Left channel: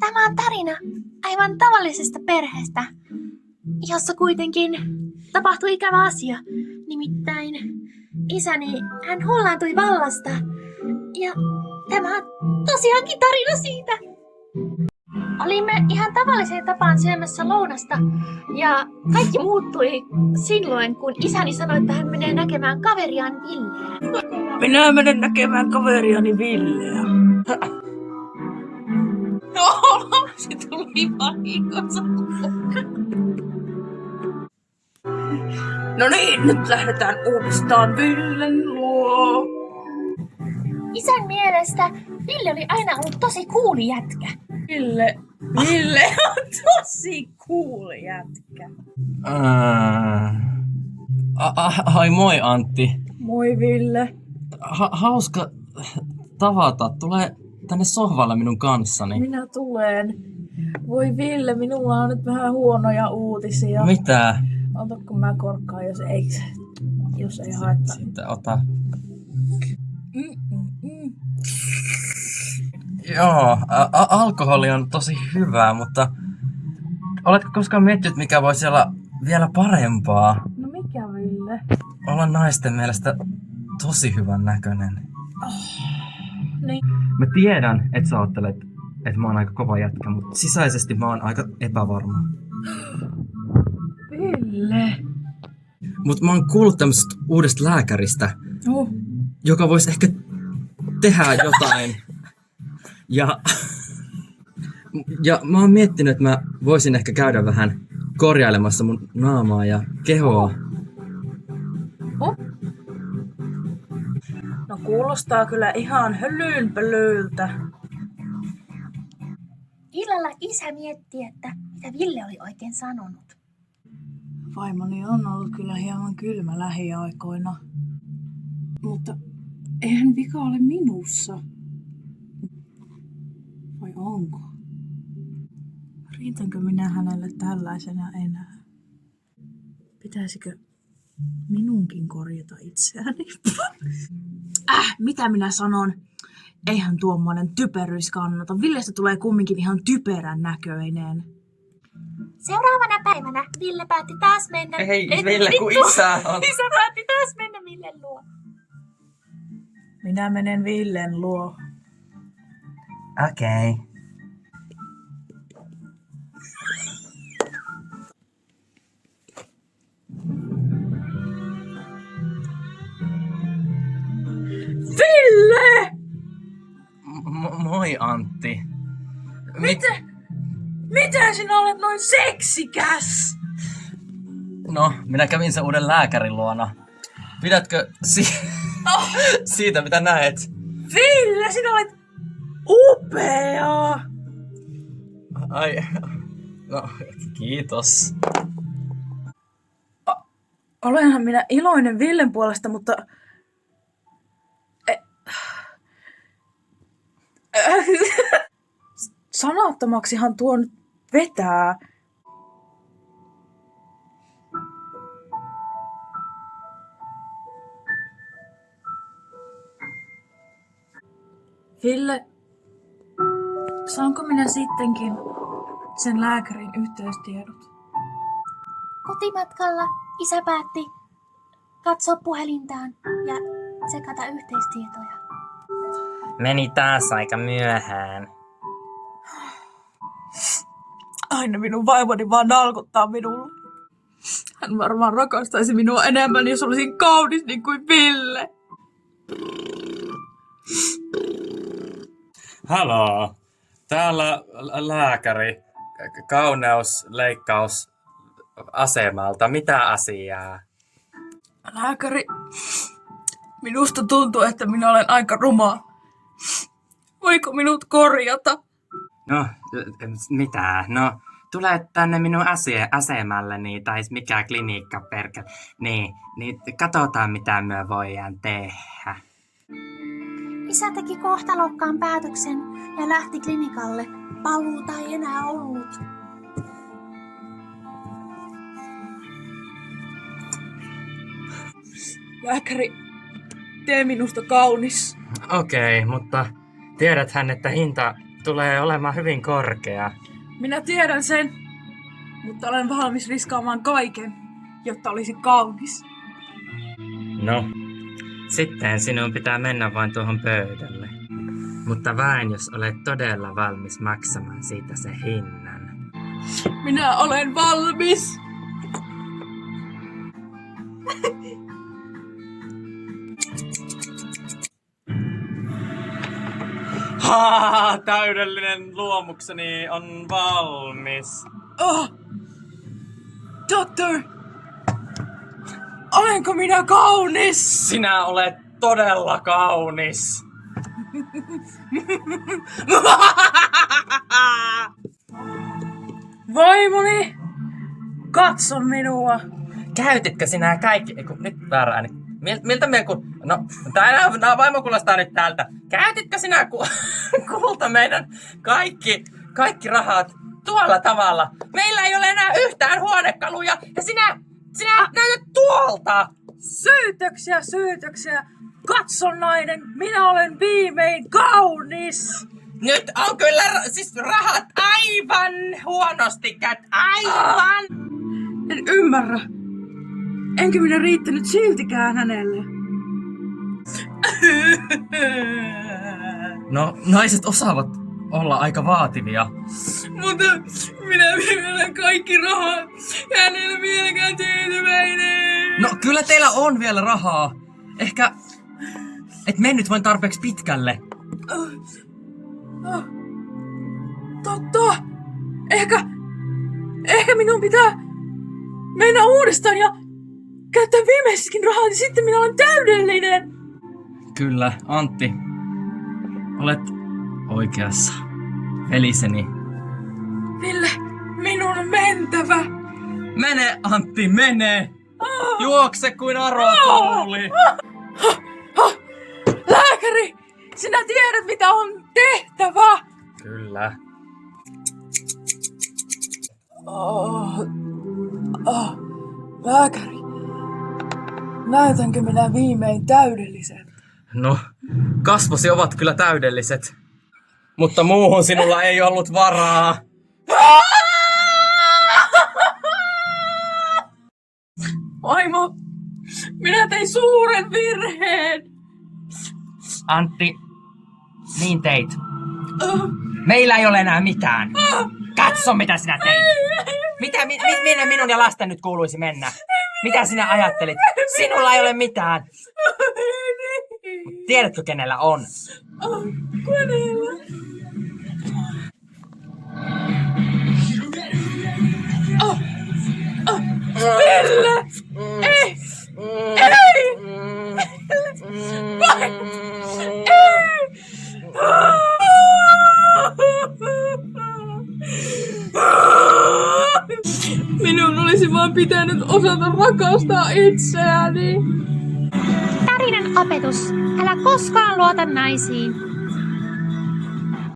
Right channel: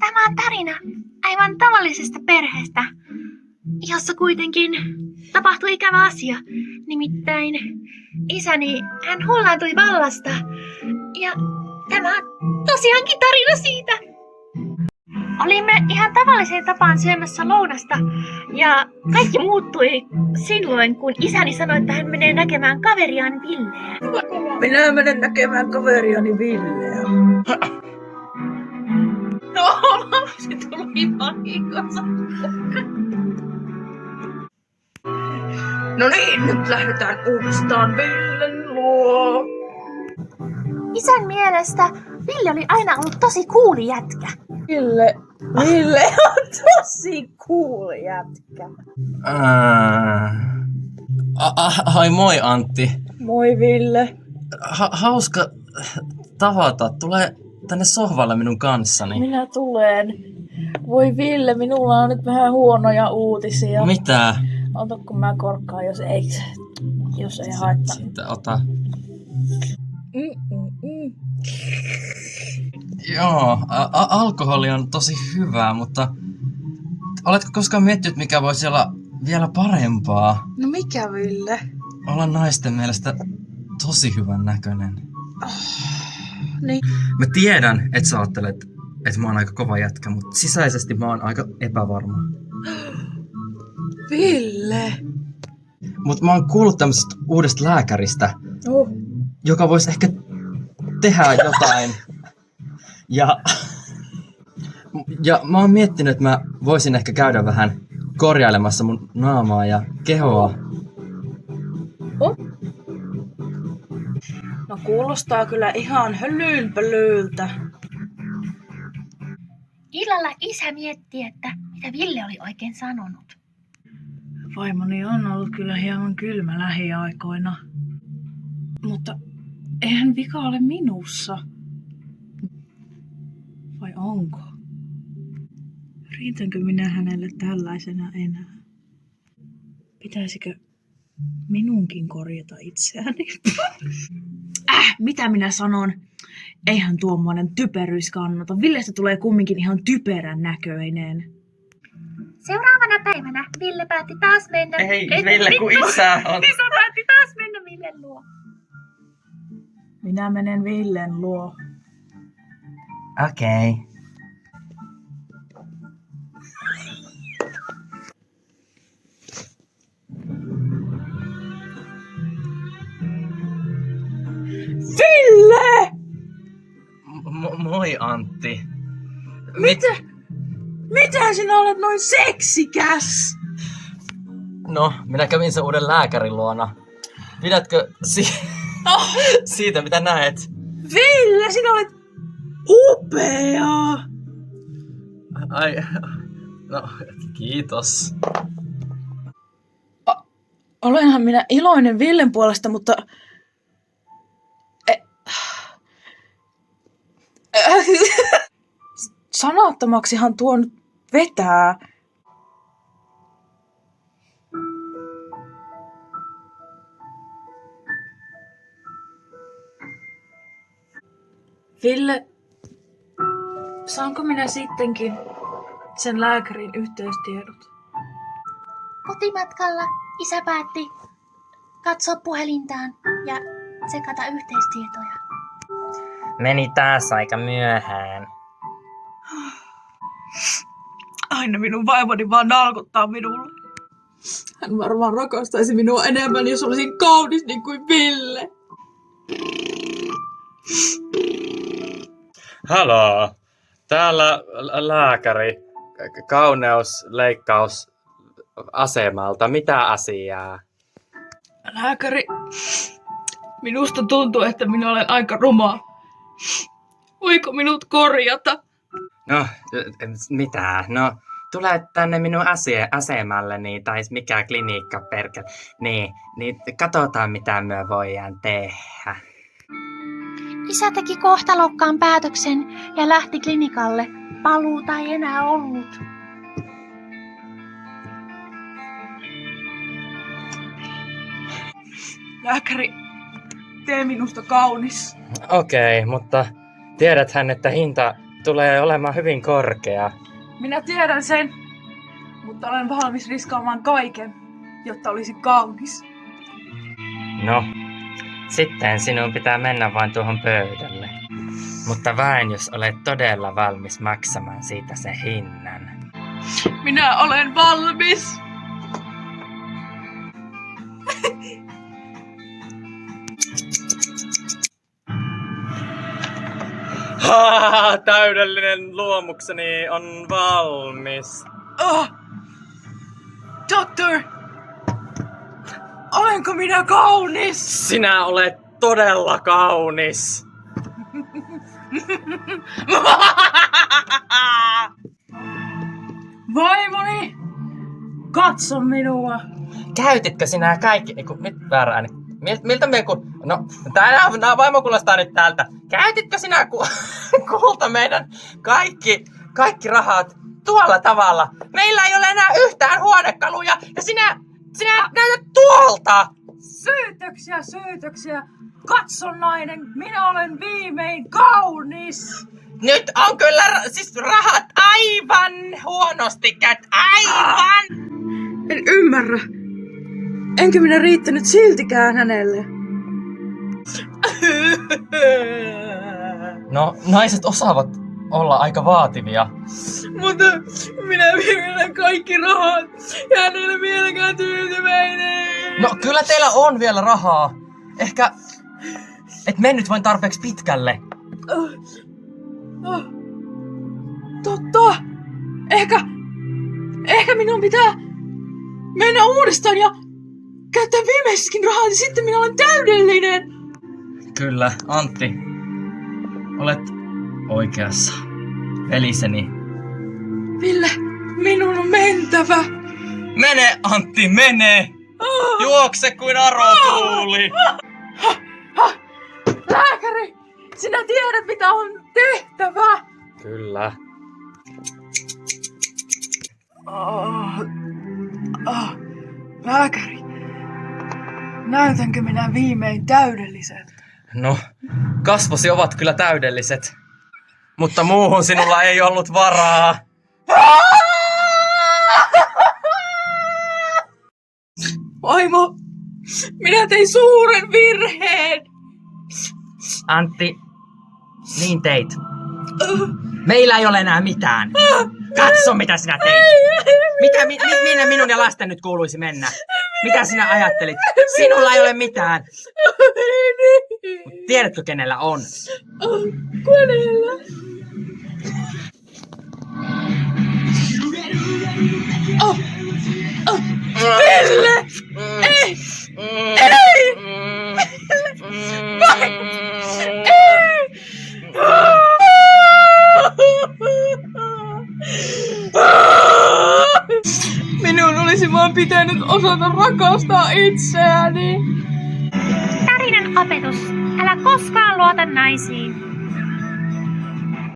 Tämä on tarina aivan tavallisesta perheestä, jossa kuitenkin tapahtui ikävä asia. Nimittäin isäni, hän hullaantui vallasta. Ja tämä on tosiaankin tarina siitä. Olimme ihan tavalliseen tapaan syömässä lounasta ja kaikki muuttui silloin, kun isäni sanoi, että hän menee näkemään kaveriaan Villeä. Minä menen näkemään kaveriani Villeä. No, lapsi tuli vahingossa. No niin, nyt lähdetään uudestaan Villen luo. Isän mielestä Ville oli aina ollut tosi cooli jätkä. Ville on tosi cool jätkä. Ai moi Antti. Moi Ville. Hauska tavata. Tule tänne sohvalle minun kanssani. Minä tulen. Voi Ville, minulla on nyt vähän huonoja uutisia. Mitä? Ota kun mä korkkaan, jos ei haittaa. Sitten ota. Joo, alkoholi on tosi hyvää, mutta oletko koskaan miettinyt, mikä voisi olla vielä parempaa? No mikä Ville? Olla naisten mielestä tosi hyvän näköinen. Niin. Mä tiedän, että sä ajattelet, että mä oon aika kova jätkä, mutta sisäisesti mä oon aika epävarma. Ville. Mutta mä oon kuullut tämmöisestä uudesta lääkäristä, joka voisi ehkä tehdä jotain. Ja mä oon miettinyt, että mä voisin ehkä käydä vähän korjailemassa mun naamaa ja kehoa. No kuulostaa kyllä ihan hölynpölyltä. Illalla isä mietti, että mitä Ville oli oikein sanonut. Vaimoni on ollut kyllä hieman kylmä lähiaikoina. Mutta eihän vika ole minussa. Vai onko? Riitänkö minä hänelle tällaisena enää? Pitäisikö minunkin korjata itseäni? Mitä minä sanon? Eihän tuommoinen typeryys kannata. Villestä tulee kumminkin ihan typerän näköinen. Seuraavana päivänä Ville päätti taas mennä... Ei, Ville, kun isä on. Isä päätti taas mennä Villen luo. Minä menen Villen luo. Okei. Ville! Moi Antti. Mitä sinä olet noin seksikäs? No, minä kävin sen uuden lääkärin luona. Pidätkö siitä, mitä näet? Ville, sinä olet upea! Ai, no, kiitos. Olenhan minä iloinen Villen puolesta, mutta... Sanattomaksihan tuo nyt vetää. Ville, saanko minä sittenkin sen lääkärin yhteystiedot? Kotimatkalla isä päätti katsoa puhelintaan ja tsekata yhteistietoja. Meni taas aika myöhään. Aina minun vaimoni vaan nalkuttaa minulle. Hän varmaan rakastaisi minua enemmän, jos olisin kaunis niin kuin Ville. Haloo, täällä lääkäri, kauneusleikkaus asemalta. Mitä asiaa? Lääkäri, minusta tuntuu, että minä olen aika ruma. Voiko minut korjata? No, mitä? No, tule tänne minun asemalleni, tai mikä klinikka perkele. Niin katsotaan mitä me voidaan tehdä. Isä teki kohtalokkaan päätöksen ja lähti klinikalle. Paluuta ei enää ollut. Lääkäri, tee minusta kaunis. Okei, mutta tiedäthän, että hinta tulee olemaan hyvin korkea. Minä tiedän sen, mutta olen valmis riskaamaan kaiken, jotta olisi kaunis. No, sitten sinun pitää mennä vain tuohon pöydälle. Mutta vain jos olet todella valmis maksamaan siitä sen hinnan. Minä olen valmis! Täydellinen luomukseni on valmis. Oh! Doctor! Olenko minä kaunis? Sinä olet todella kaunis. Vaimoni! Katso minua! Käytitkö sinä kaikki... Nyt väärä ääni. Miltä me kun... No, tää vaimo kuulostaa nyt täältä. Käytitkö sinä kulta meidän kaikki rahat tuolla tavalla? Meillä ei ole enää yhtään huonekaluja ja sinä näytät tuolta! Syytöksiä! Katso nainen, minä olen viimein kaunis! Nyt on kyllä siis rahat aivan huonosti käyt. Aivan! En ymmärrä. Enkä minä riittänyt siltikään hänelle. No, naiset osaavat olla aika vaativia. Mutta minä vielä kaikki rahat. Hän ei ole vieläkään tyytyväinen. No, kyllä teillä on vielä rahaa. Ehkä et mennyt vain tarpeeksi pitkälle. Totta. Ehkä minun pitää mennä uudestaan ja käyttää viimeisessäkin rahaa, ja sitten minä olen täydellinen. Kyllä, Antti. Olet oikeassa. Veliseni. Ville, minun on mentävä. Mene, Antti, mene! Juokse kuin arotuuli! Lääkäri, sinä tiedät mitä on tehtävä. Kyllä. Lääkäri, näytänkö minä viimein täydelliseltä? No, kasvosi ovat kyllä täydelliset. Mutta muuhun sinulla ei ollut varaa. Vaimo, minä tein suuren virheen. Antti, niin teit. Meillä ei ole enää mitään. Katso mitä sinä teit. Minne minun ja lasten nyt kuuluisi mennä? Mitä sinä ajattelit? Sinulla ei ole mitään. Tiedätkö kenellä on? Kenellä? Ville! Ei! Minun olisi vaan pitänyt osata rakastaa itseäni. Tarinan opetus. Älä koskaan luota naisiin.